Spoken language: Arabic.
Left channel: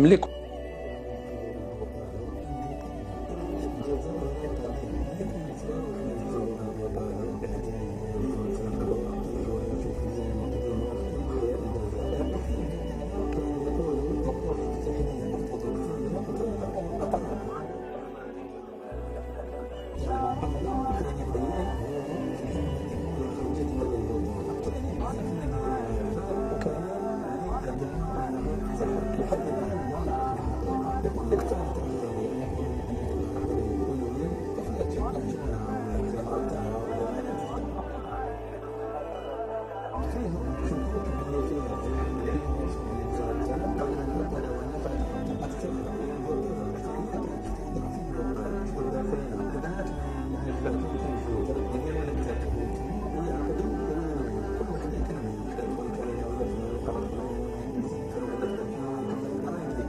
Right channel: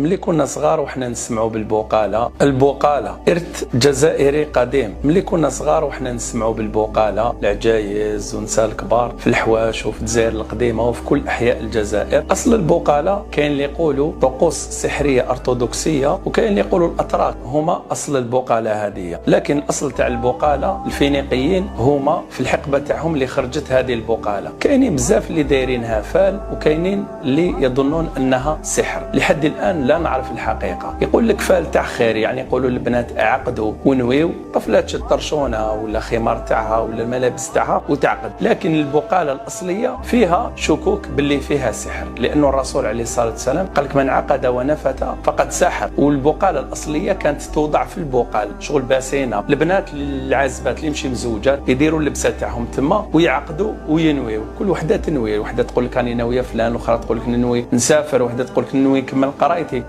ملي كنا صغار وحنا نسمعوا بالبقالة، البقالة إرث جزائري قديم. ملي كنا صغار وحنا نسمعوا بالبقالة، العجايز ونساء الكبار في الحواش وفي الجزائر القديمة وفي كل أحياء الجزائر. أصل البقالة كاين اللي يقولوا طقوس سحرية أرثوذكسية، وكاين اللي يقولوا الأتراك هما أصل البقالة هذه. لكن الأصل تاع البقالة الفينيقيين هما في الحقبة تاعهم اللي خرجت هذه البقالة. كاينين بزاف اللي دايرينها فال، وكاينين اللي يظنون أنها سحر. لحد الآن لا نعرف الحقيقة. يقول لك فال تاع خير، يعني يقولوا البنات عقدوا ونويو، طفلة تشد طرشونها ولا خمار تاعها ولا الملابس تاعها وتعقد. لكن البقالة الأصلية فيها شكوك باللي فيها سحر، لأنه الرسول عليه الصلاة والسلام قال لك من عقد ونفت فقد سحر. والبقالة الأصلية كانت توضع في البقال شغل باسينة. البنات العازبات اللي مشي مزوجات يديروا اللبسة تاعهم تما ويعقدوا وينويو. كل وحدة تنوي، وحدة تقول لك راني ناوية فلان، واخرى تقول لك ننوي نسافر، وحدة تقول لك ننوي نكمل قرايتي.